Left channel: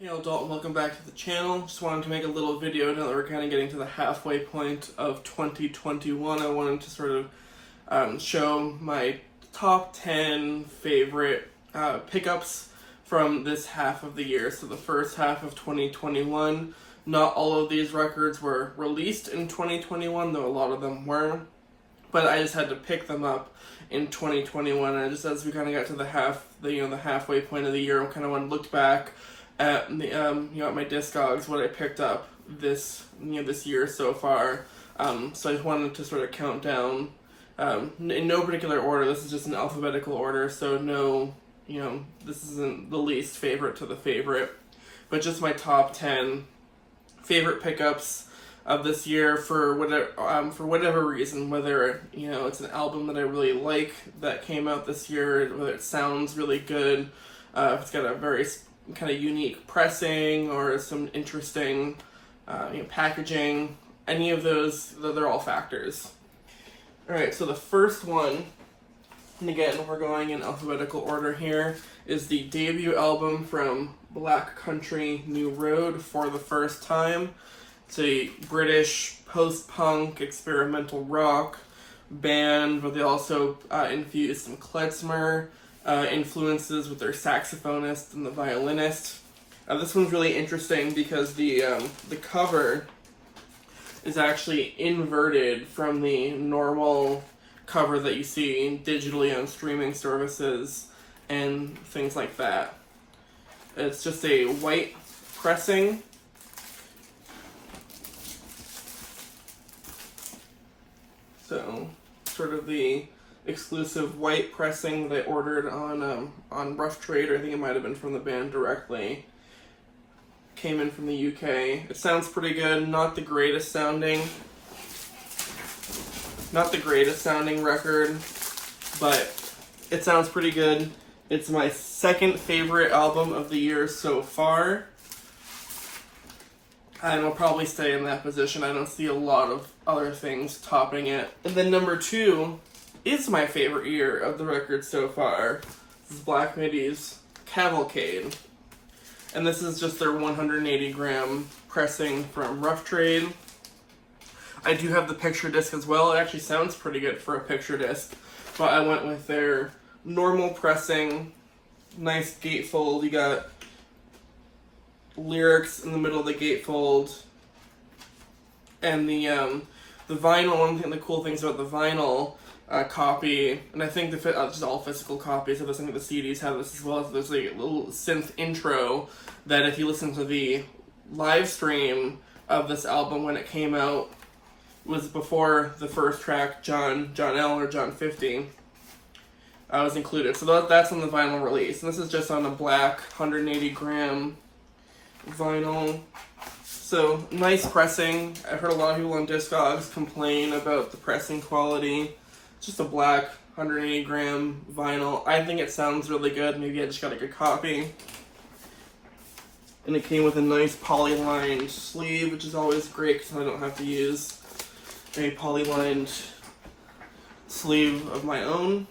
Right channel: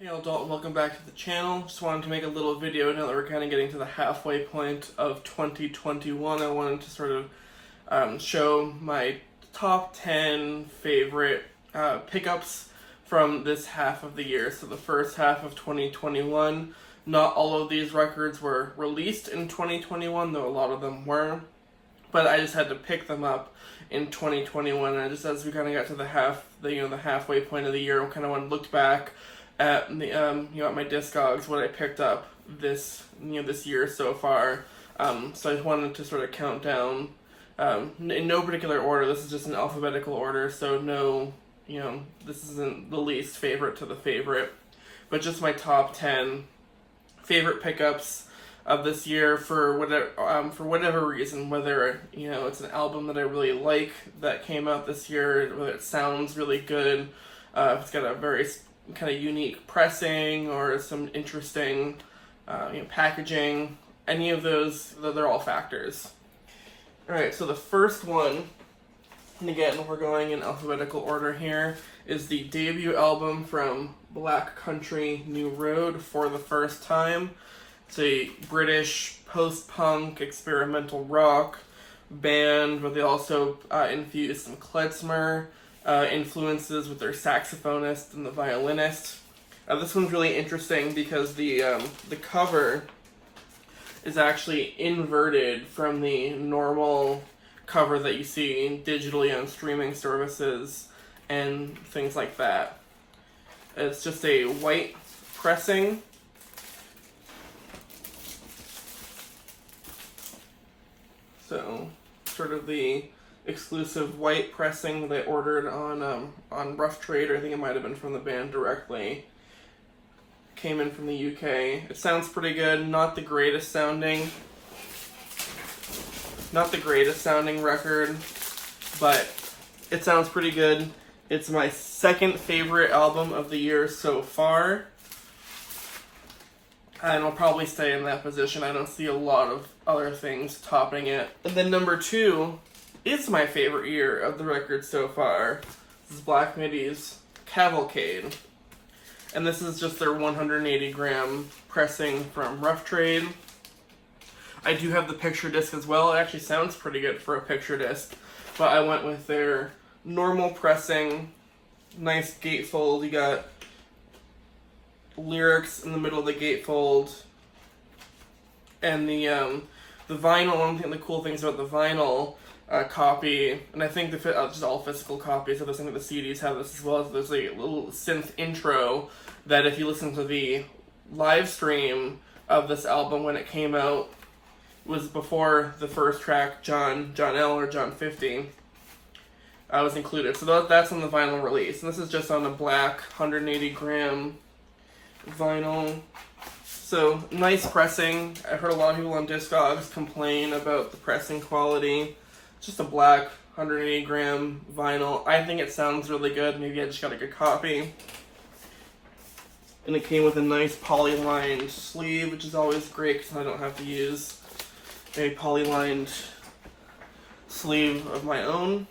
Hey all, Dalton, welcome back to the channel. Just wanted to make a little video now that we're kind of getting to the halfway point of 2021. I wanted to sort of show my top 10 favorite pickups from this half of the year. So the first half of 2021, not all of these records were released in 2021, though a lot of them were. But I just had to pick them up in 2021. And just as we kind of got to the halfway point of the year, I kind of looked back at the at my Discogs, what I picked up this year so far. So I just wanted to sort of count down in no particular order. This is just an alphabetical order, so no, this isn't the least favorite to the favorite, but just my top 10 favorite pickups of this year for whatever reason, whether it's an album that I really like that came out this year, whether it sounds really good, if it's got a very kind of unique pressing or some interesting packaging. Any of those, they're all factors. Alright, so the first one, and again we're going in alphabetical order here, is the debut album from Black Country New Road, For the First Time. It's a British post-punk experimental rock band, but they also infused some klezmer influences with their saxophonist and the violinist. This one's really interesting because the cover is actually inverted from the normal cover that you see digitally on streaming services and things like that. It's just a white pressing. So, sort of the exclusive white pressing they ordered on Rough Trade, or I think it might have been from the band directly. Came in from the UK. It sounds pretty good. Not the greatest sounding record, but it sounds pretty good. It's my second favorite album of the year so far, and will probably stay in that position. I don't see a lot of other things topping it. And then number 2 is my favorite year of the record so far. This is Black Midi's Cavalcade. And this is just their 180 gram pressing from Rough Trade. I do have the picture disc as well. It actually sounds pretty good for a picture disc, but I went with their normal pressing, nice gatefold. You got lyrics in the middle of the gatefold, and the vinyl. One of the cool things about the vinyl copy, and I think just all physical copies of this, I think the CDs have this as well, as there's a little synth intro that if you listen to the live stream of this album when it came out, was before the first track, John L or John 50, was included. So that's on the vinyl release. And this is just on a black 180 gram vinyl. So nice pressing. I've heard a lot of people on Discogs complain about the pressing quality. Just a black 180 gram vinyl. I think it sounds really good. Maybe I just got a good copy. And it came with a nice poly-lined sleeve, which is always great because I don't have to use a poly-lined sleeve of my own.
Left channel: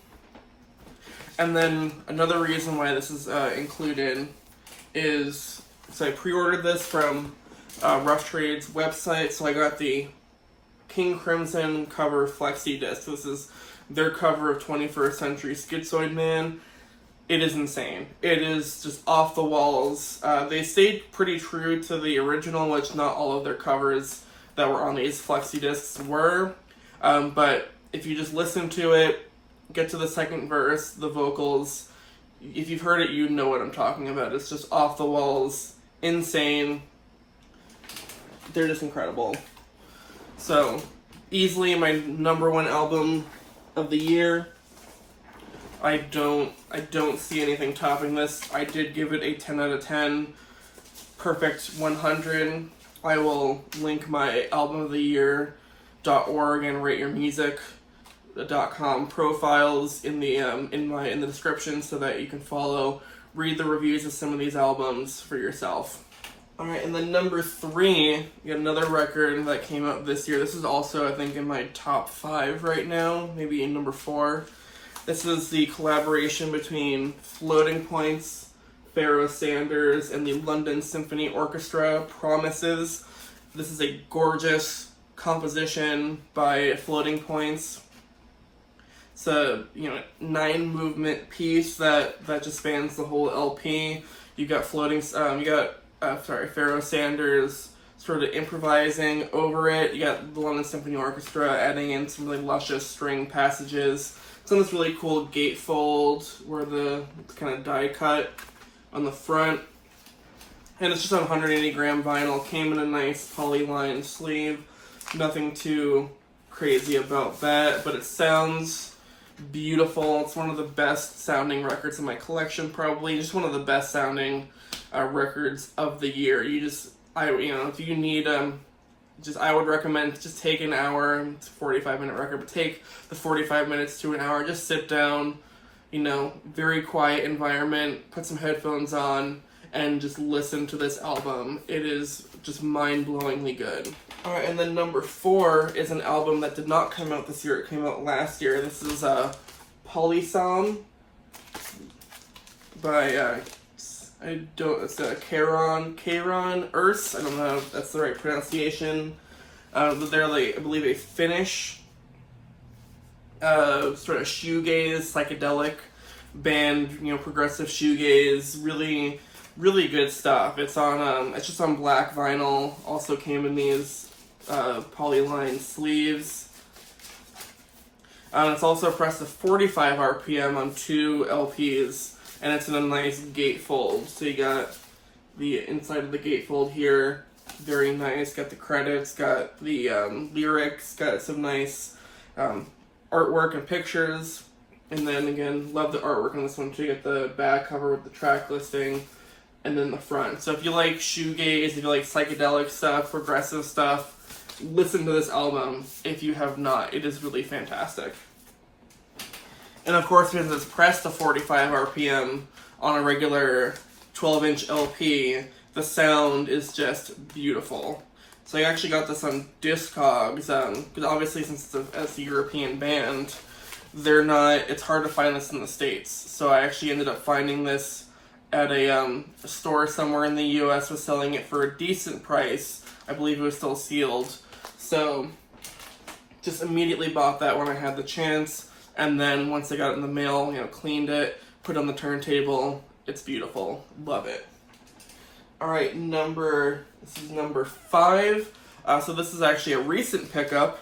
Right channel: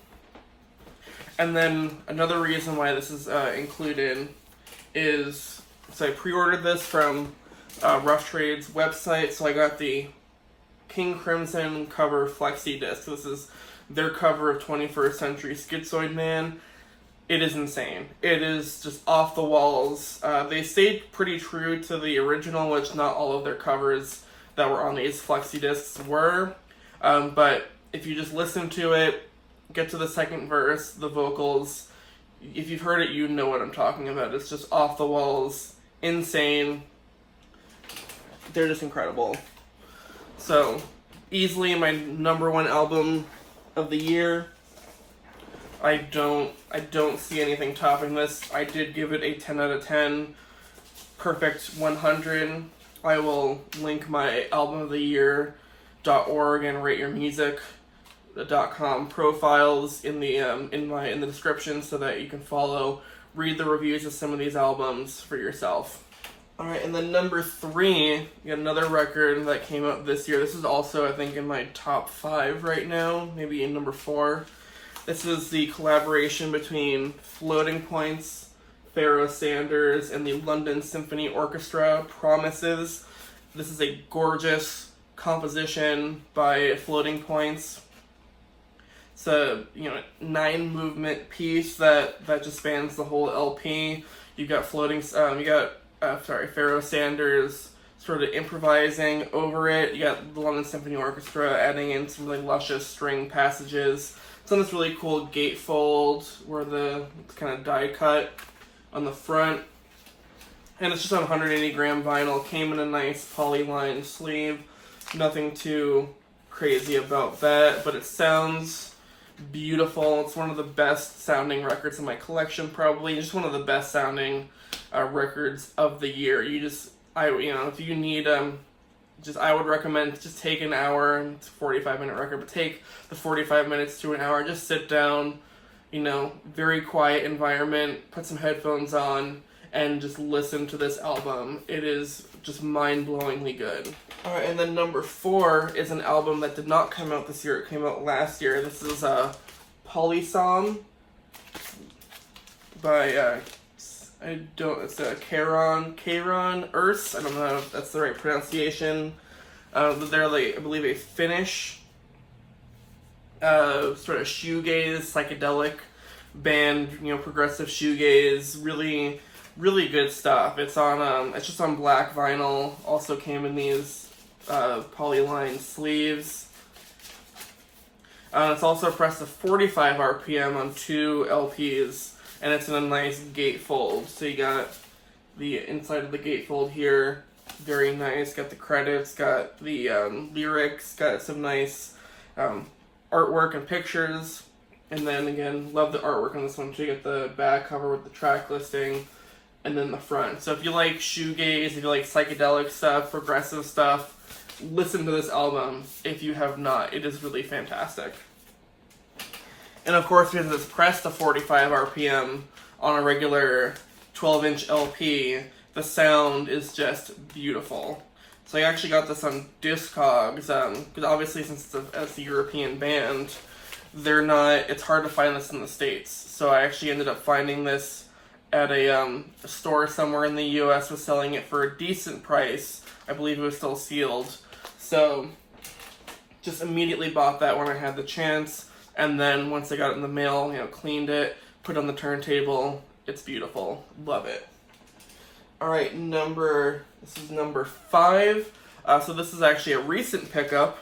And then another reason why this is included is, so I pre-ordered this from Rough Trade's website, so I got the King Crimson cover flexi disc. This is their cover of 21st Century Schizoid Man. It is insane. It is just off the walls. They stayed pretty true to the original, which not all of their covers that were on these flexi discs were. But if you just listen to it, get to the second verse, the vocals, if you've heard it, you know what I'm talking about. It's just off the walls, insane. They're just incredible. So, easily my number 1 album of the year. I don't see anything topping this. I did give it a 10 out of 10. Perfect 100. I will link my album of the year.org and rateyourmusic.com profiles in the description so that you can read the reviews of some of these albums for yourself. Alright, and then number 3, you got another record that came out this year. This is also, I think, in my top 5 right now, maybe in number 4. This is the collaboration between Floating Points Pharoah Sanders and the London Symphony Orchestra, Promises. This is a gorgeous composition by Floating Points. It's a 9-movement piece that just spans the whole LP. You got Pharoah Sanders sort of improvising over it. You got the London Symphony Orchestra adding in some really luscious string passages. It's on this really cool gatefold where it's kind of die cut on the front. And it's just on 180 gram vinyl. Came in a nice polyline sleeve. Nothing too crazy about that, but it sounds beautiful. It's one of the best sounding records in my collection, probably. Just one of the best sounding records of the year. If you need I would recommend just take an hour. It's a 45-minute record, but take the 45 minutes to an hour. Just sit down, very quiet environment, put some headphones on, and just listen to this album. It is just mind-blowingly good. Alright, and then number 4 is an album that did not come out this year. It came out last year. This is Polysom by it's Karen Urs. I don't know if that's the right pronunciation. They're I believe a Finnish sort of shoegaze, psychedelic band, progressive shoegaze, really, really good stuff. It's on it's just on black vinyl. Also came in these polyline sleeves. It's also pressed to 45 RPM on 2 LPs. And it's in a nice gatefold. So you got the inside of the gatefold here. Very nice. Got the credits, got the lyrics, got some nice artwork and pictures. And then again, love the artwork on this one too. You get the back cover with the track listing. And then the front. So if you like shoegaze, if you like psychedelic stuff, progressive stuff, listen to this album if you have not. It is really fantastic. And of course, because it's pressed to 45 RPM on a regular 12-inch LP, the sound is just beautiful. So I actually got this on Discogs, because obviously since it's a European band, it's hard to find this in the States. So I actually ended up finding this at a store somewhere in the US, was selling it for a decent price. I believe it was still sealed. So just immediately bought that when I had the chance. And then once I got it in the mail, cleaned it, put it on the turntable. It's beautiful. Love it. Alright, this is number 5. So this is actually a recent pickup.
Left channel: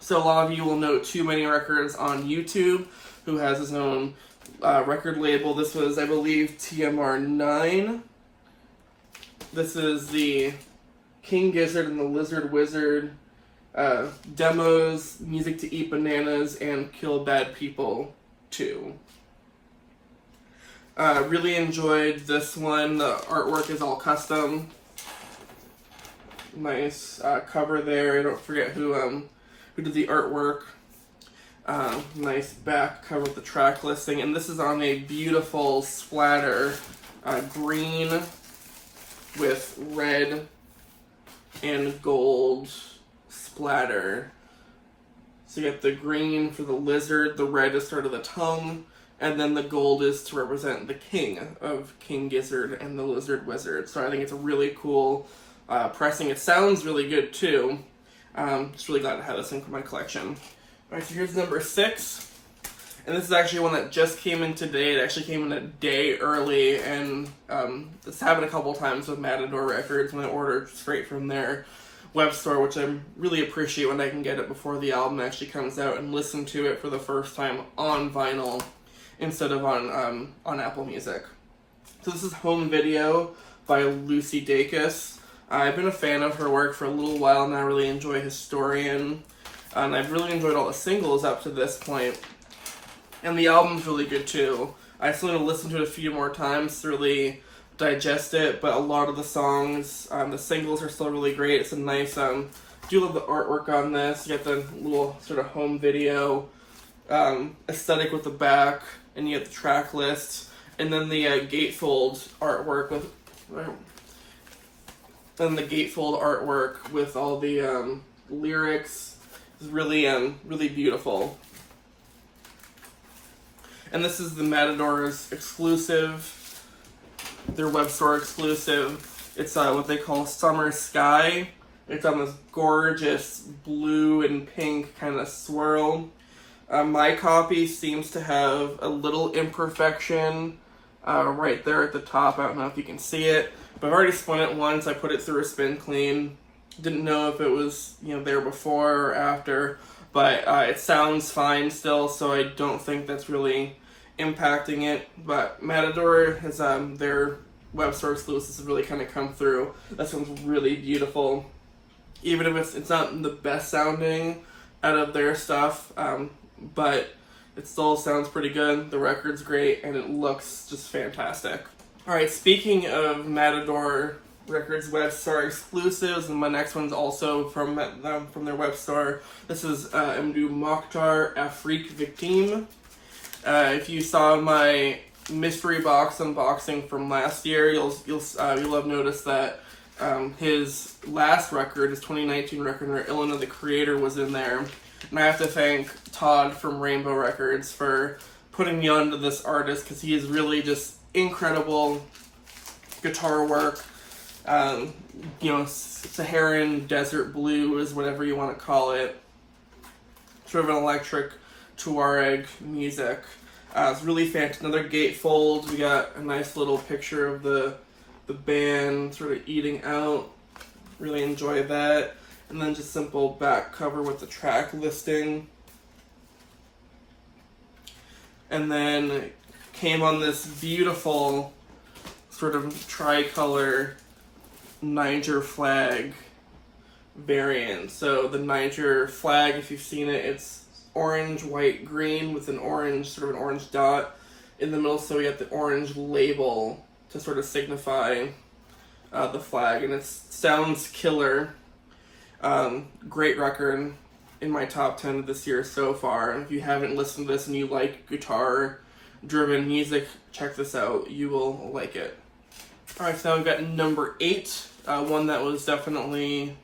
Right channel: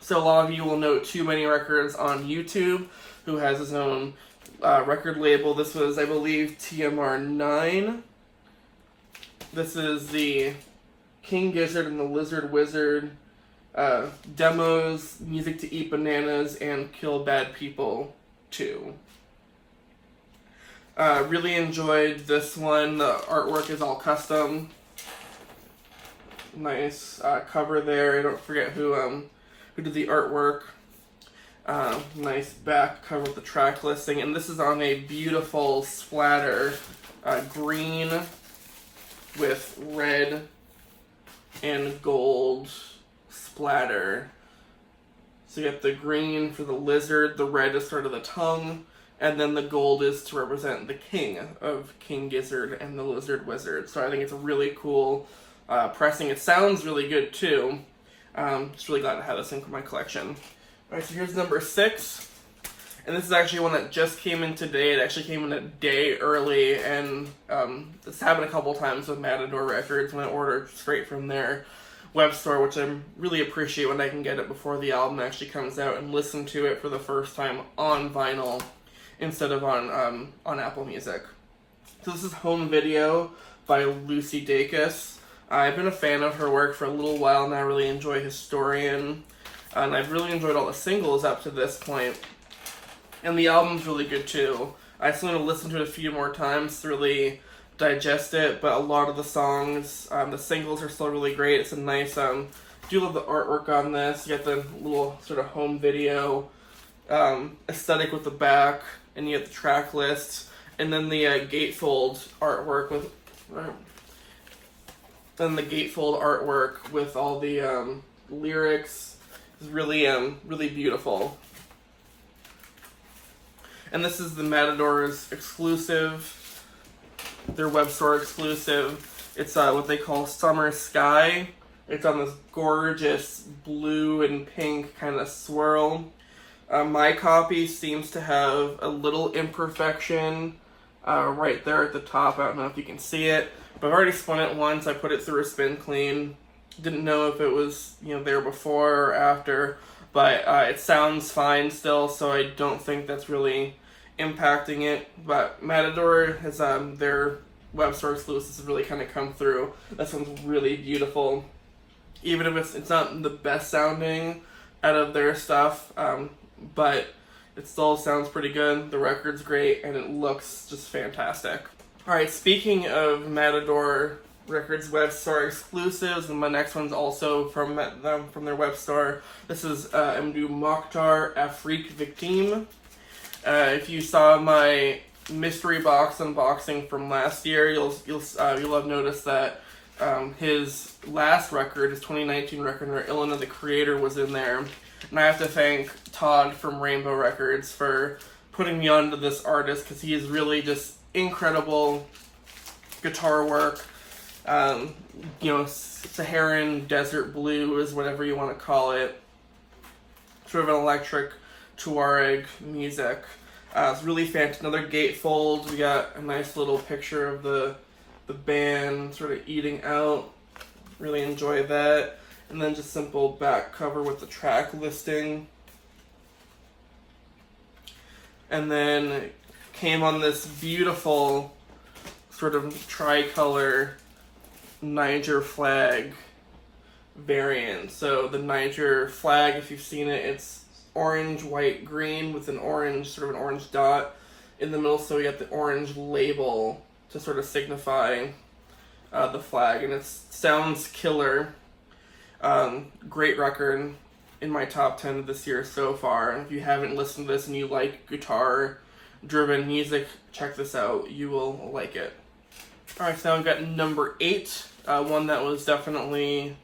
So a lot of you will know Too Many Records on YouTube, who has his own record label. This was, I believe, TMR 9. This is the King Gizzard and the Lizard Wizard demos, Music to Eat Bananas, and Kill Bad People 2. Really enjoyed this one. The artwork is all custom. Nice cover there. I don't forget who did the artwork. Nice back cover with the track listing. And this is on a beautiful splatter. Green with red and gold splatter. So you get the green for the lizard, the red is sort of the tongue, and then the gold is to represent the king of King Gizzard and the Lizard Wizard. So I think it's a really cool pressing. It sounds really good too. Just really glad to have this in my collection. Alright, so here's number 6. And this is actually one that just came in today. It actually came in a day early, and it's happened a couple times with Matador Records when I ordered straight from their web store, which I really appreciate when I can get it before the album actually comes out and listen to it for the first time on vinyl instead of on Apple Music. So this is Home Video by Lucy Dacus. I've been a fan of her work for a little while and I really enjoy Historian, and I've really enjoyed all the singles up to this point. And the album's really good too. I still need to listen to it a few more times to really digest it, but a lot of the songs, the singles are still really great. It's a nice, do love the artwork on this. You get the little sort of home video aesthetic with the back, and you get the track list, and then the gatefold artwork with all the lyrics is really really beautiful. And this is the Matador's exclusive their web store exclusive. It's what they call Summer Sky. It's on this gorgeous blue and pink kind of swirl. My copy seems to have a little imperfection right there at the top. I don't know if you can see it, but I've already spun it once. I put it through a spin clean. Didn't know if it was there before or after, but it sounds fine still, so I don't think that's really impacting it. But Matador has their web store exclusives have really kind of come through. That sounds really beautiful, even if it's not the best sounding out of their stuff, but it still sounds pretty good. The record's great, and it looks just fantastic. All right, speaking of Matador Records web store exclusives, and my next one's also from their web store. This is Mdou Mokhtar Afrique Victime. If you saw my mystery box unboxing from last year, you'll have noticed that his last record, his 2019 record, or Illina the Creator, was in there. And I have to thank Todd from Rainbow Records for putting me onto this artist, because he is really just incredible guitar work. Saharan desert blues, whatever you want to call it. Sort of an electric Tuareg music. It's really fantastic. Another gatefold. We got a nice little picture of the band sort of eating out. Really enjoy that. And then just simple back cover with the track listing. And then came on this beautiful sort of tricolor Niger flag variant. So the Niger flag, if you've seen it, it's orange, white, green with an orange dot in the middle. So we got the orange label to sort of signify the flag, and it sounds killer. Great record, in my top 10 of this year so far. If you haven't listened to this and you like guitar-driven music, check this out. You will like it. Alright, so now we've got number 8, one that was definitely,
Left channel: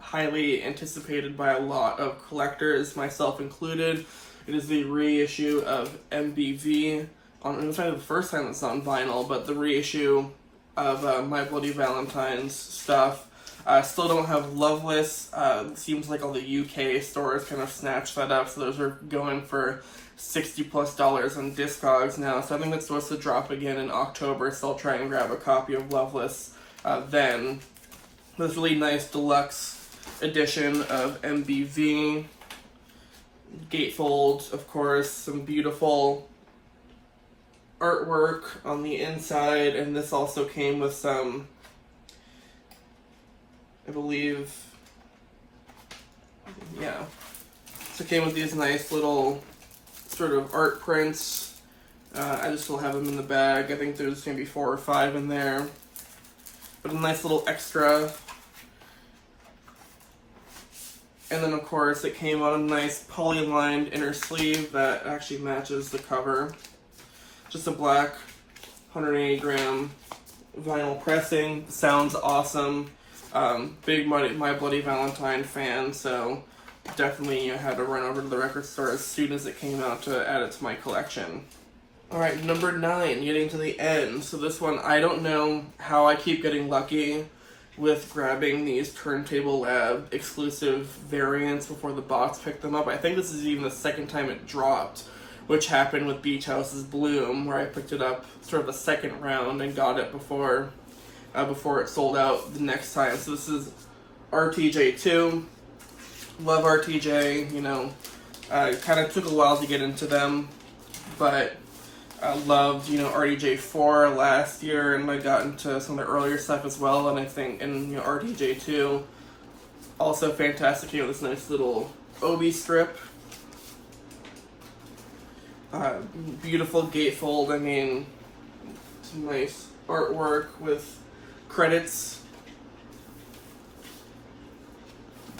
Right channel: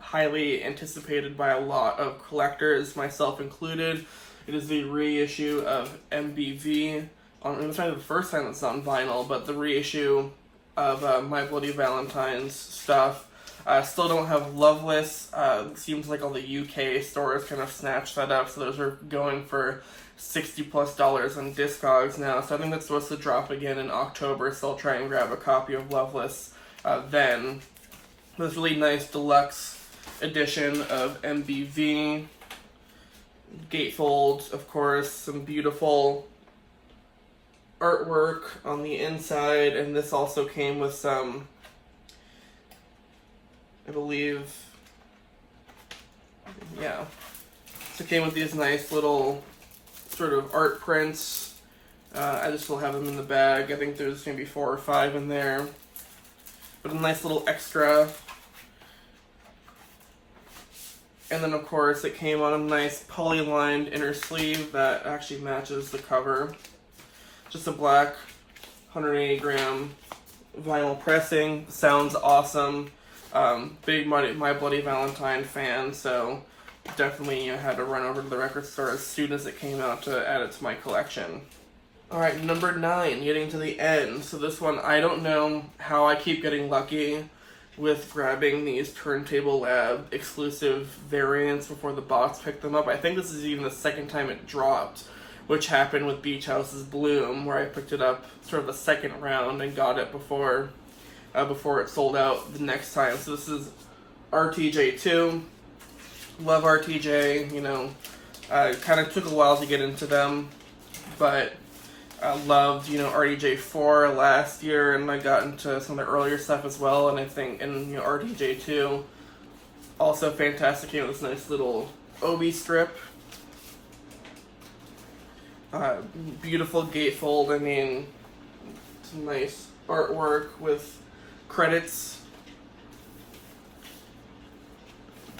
highly anticipated by a lot of collectors, myself included. It is the reissue of MBV. It was probably the first time it's on vinyl, but the reissue of My Bloody Valentine's stuff. Still don't have Loveless. It seems like all the UK stores kind of snatched that up, so those are going for $60+ on Discogs now. So I think that's supposed to drop again in October, so I'll try and grab a copy of Loveless then. This really nice deluxe edition of MBV. Gatefold, of course, some beautiful artwork on the inside, and this also came with some, I believe, yeah. So it came with these nice little sort of art prints. I just still have them in the bag. I think there's maybe 4 or 5 in there. But a nice little extra. And then, of course, it came on a nice poly-lined inner sleeve that actually matches the cover. Just a black 180-gram vinyl pressing. Sounds awesome. Big My Bloody Valentine fan, so definitely had to run over to the record store as soon as it came out to add it to my collection. Alright, number 9, getting to the end. So this one, I don't know how I keep getting lucky with grabbing these Turntable Lab exclusive variants before the box picked them up. I think this is even the second time it dropped, which happened with Beach House's Bloom, where I picked it up sort of the second round and got it before it sold out the next time. So this is RTJ2. Love RTJ, kind of took a while to get into them, but I loved, RTJ4 last year, and I got into some of the earlier stuff as well, and I think, RTJ2, also fantastic, this nice little Obi strip. Beautiful gatefold, some nice artwork with credits.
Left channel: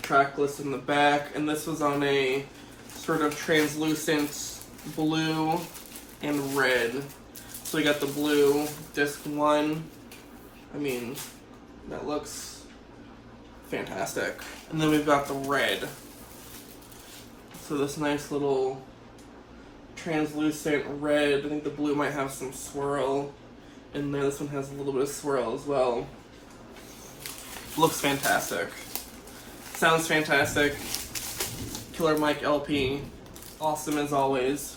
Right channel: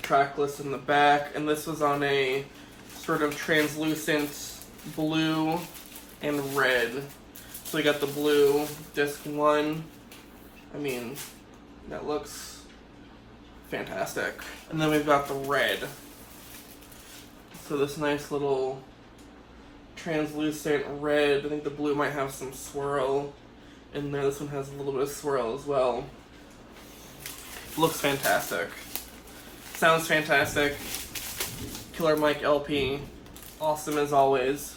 Track list in the back, and this was on a sort of translucent blue and red. So we got the blue disc 1. That looks fantastic. And then we've got the red. So this nice little translucent red. I think the blue might have some swirl in there. This one has a little bit of swirl as well. Looks fantastic. Sounds fantastic. Killer Mike LP. Awesome as always.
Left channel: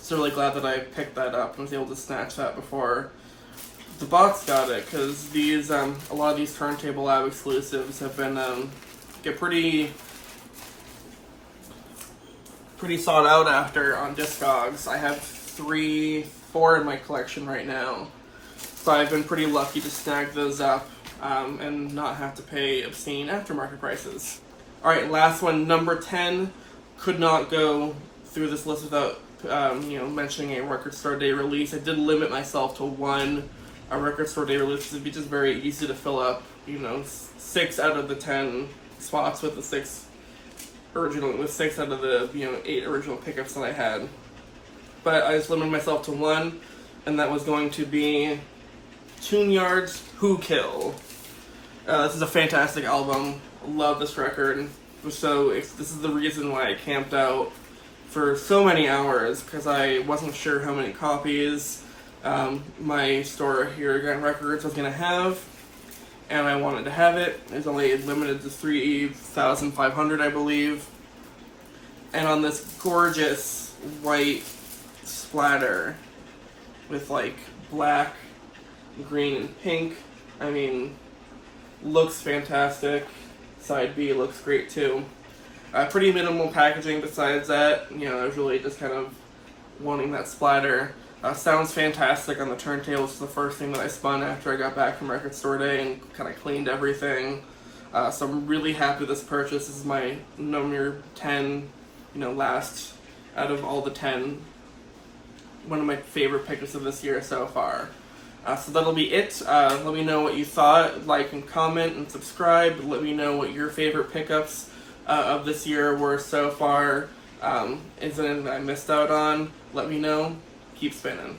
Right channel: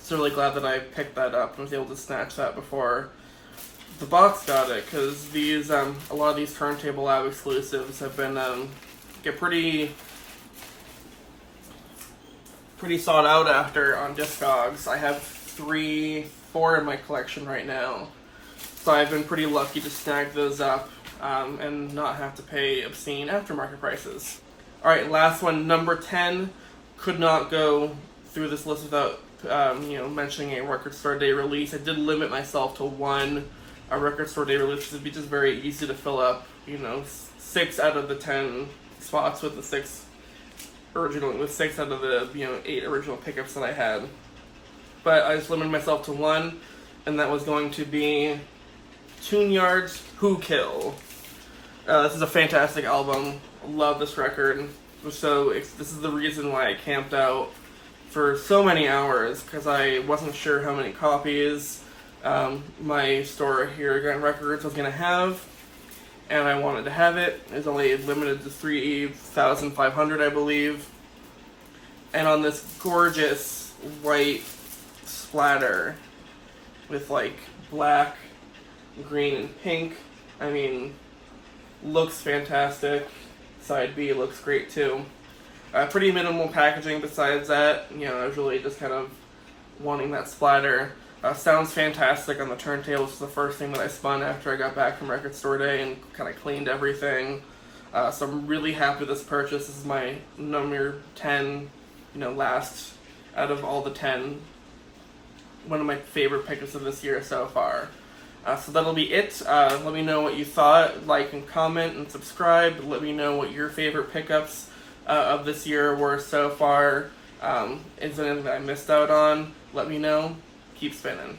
So really glad that I picked that up and was able to snatch that before the box got it, because these a lot of these Turntable Lab exclusives have been get pretty sought out after on Discogs. I have 4 in my collection right now, so I've been pretty lucky to snag those up and not have to pay obscene aftermarket prices. All right, last one, number 10. Could not go through this list without mentioning a Record Store Day release. I did limit myself to one Record Store Day release. It'd be just very easy to fill up, 6 out of the 10 spots with the 6 out of the 8 original pickups that I had. But I just limited myself to one, and that was going to be Tune-Yards Who Kill. This is a fantastic album. Love this record. This is the reason why I camped out for so many hours, because I wasn't sure how many copies my store here at Grand Records was going to have, and I wanted to have it. It was only limited to 3,500, I believe. And on this gorgeous white splatter with like black, green, and pink. I mean, looks fantastic. Side B looks great too. Pretty minimal packaging besides that. I was really just kind of wanting that splatter. Sounds fantastic on the turntable. It's the first thing that I spun after I got back from Record Store Day and kind of cleaned everything. So I'm really happy with this purchase. This is my number 10, last out of all the 10. One of my favorite pickups of this year so far. So that'll be it. Let me know what you thought. Like and comment and subscribe. Let me know what your favorite pickups of this year were so far. Is there anything that I missed out on? Let me know. Keep spinning.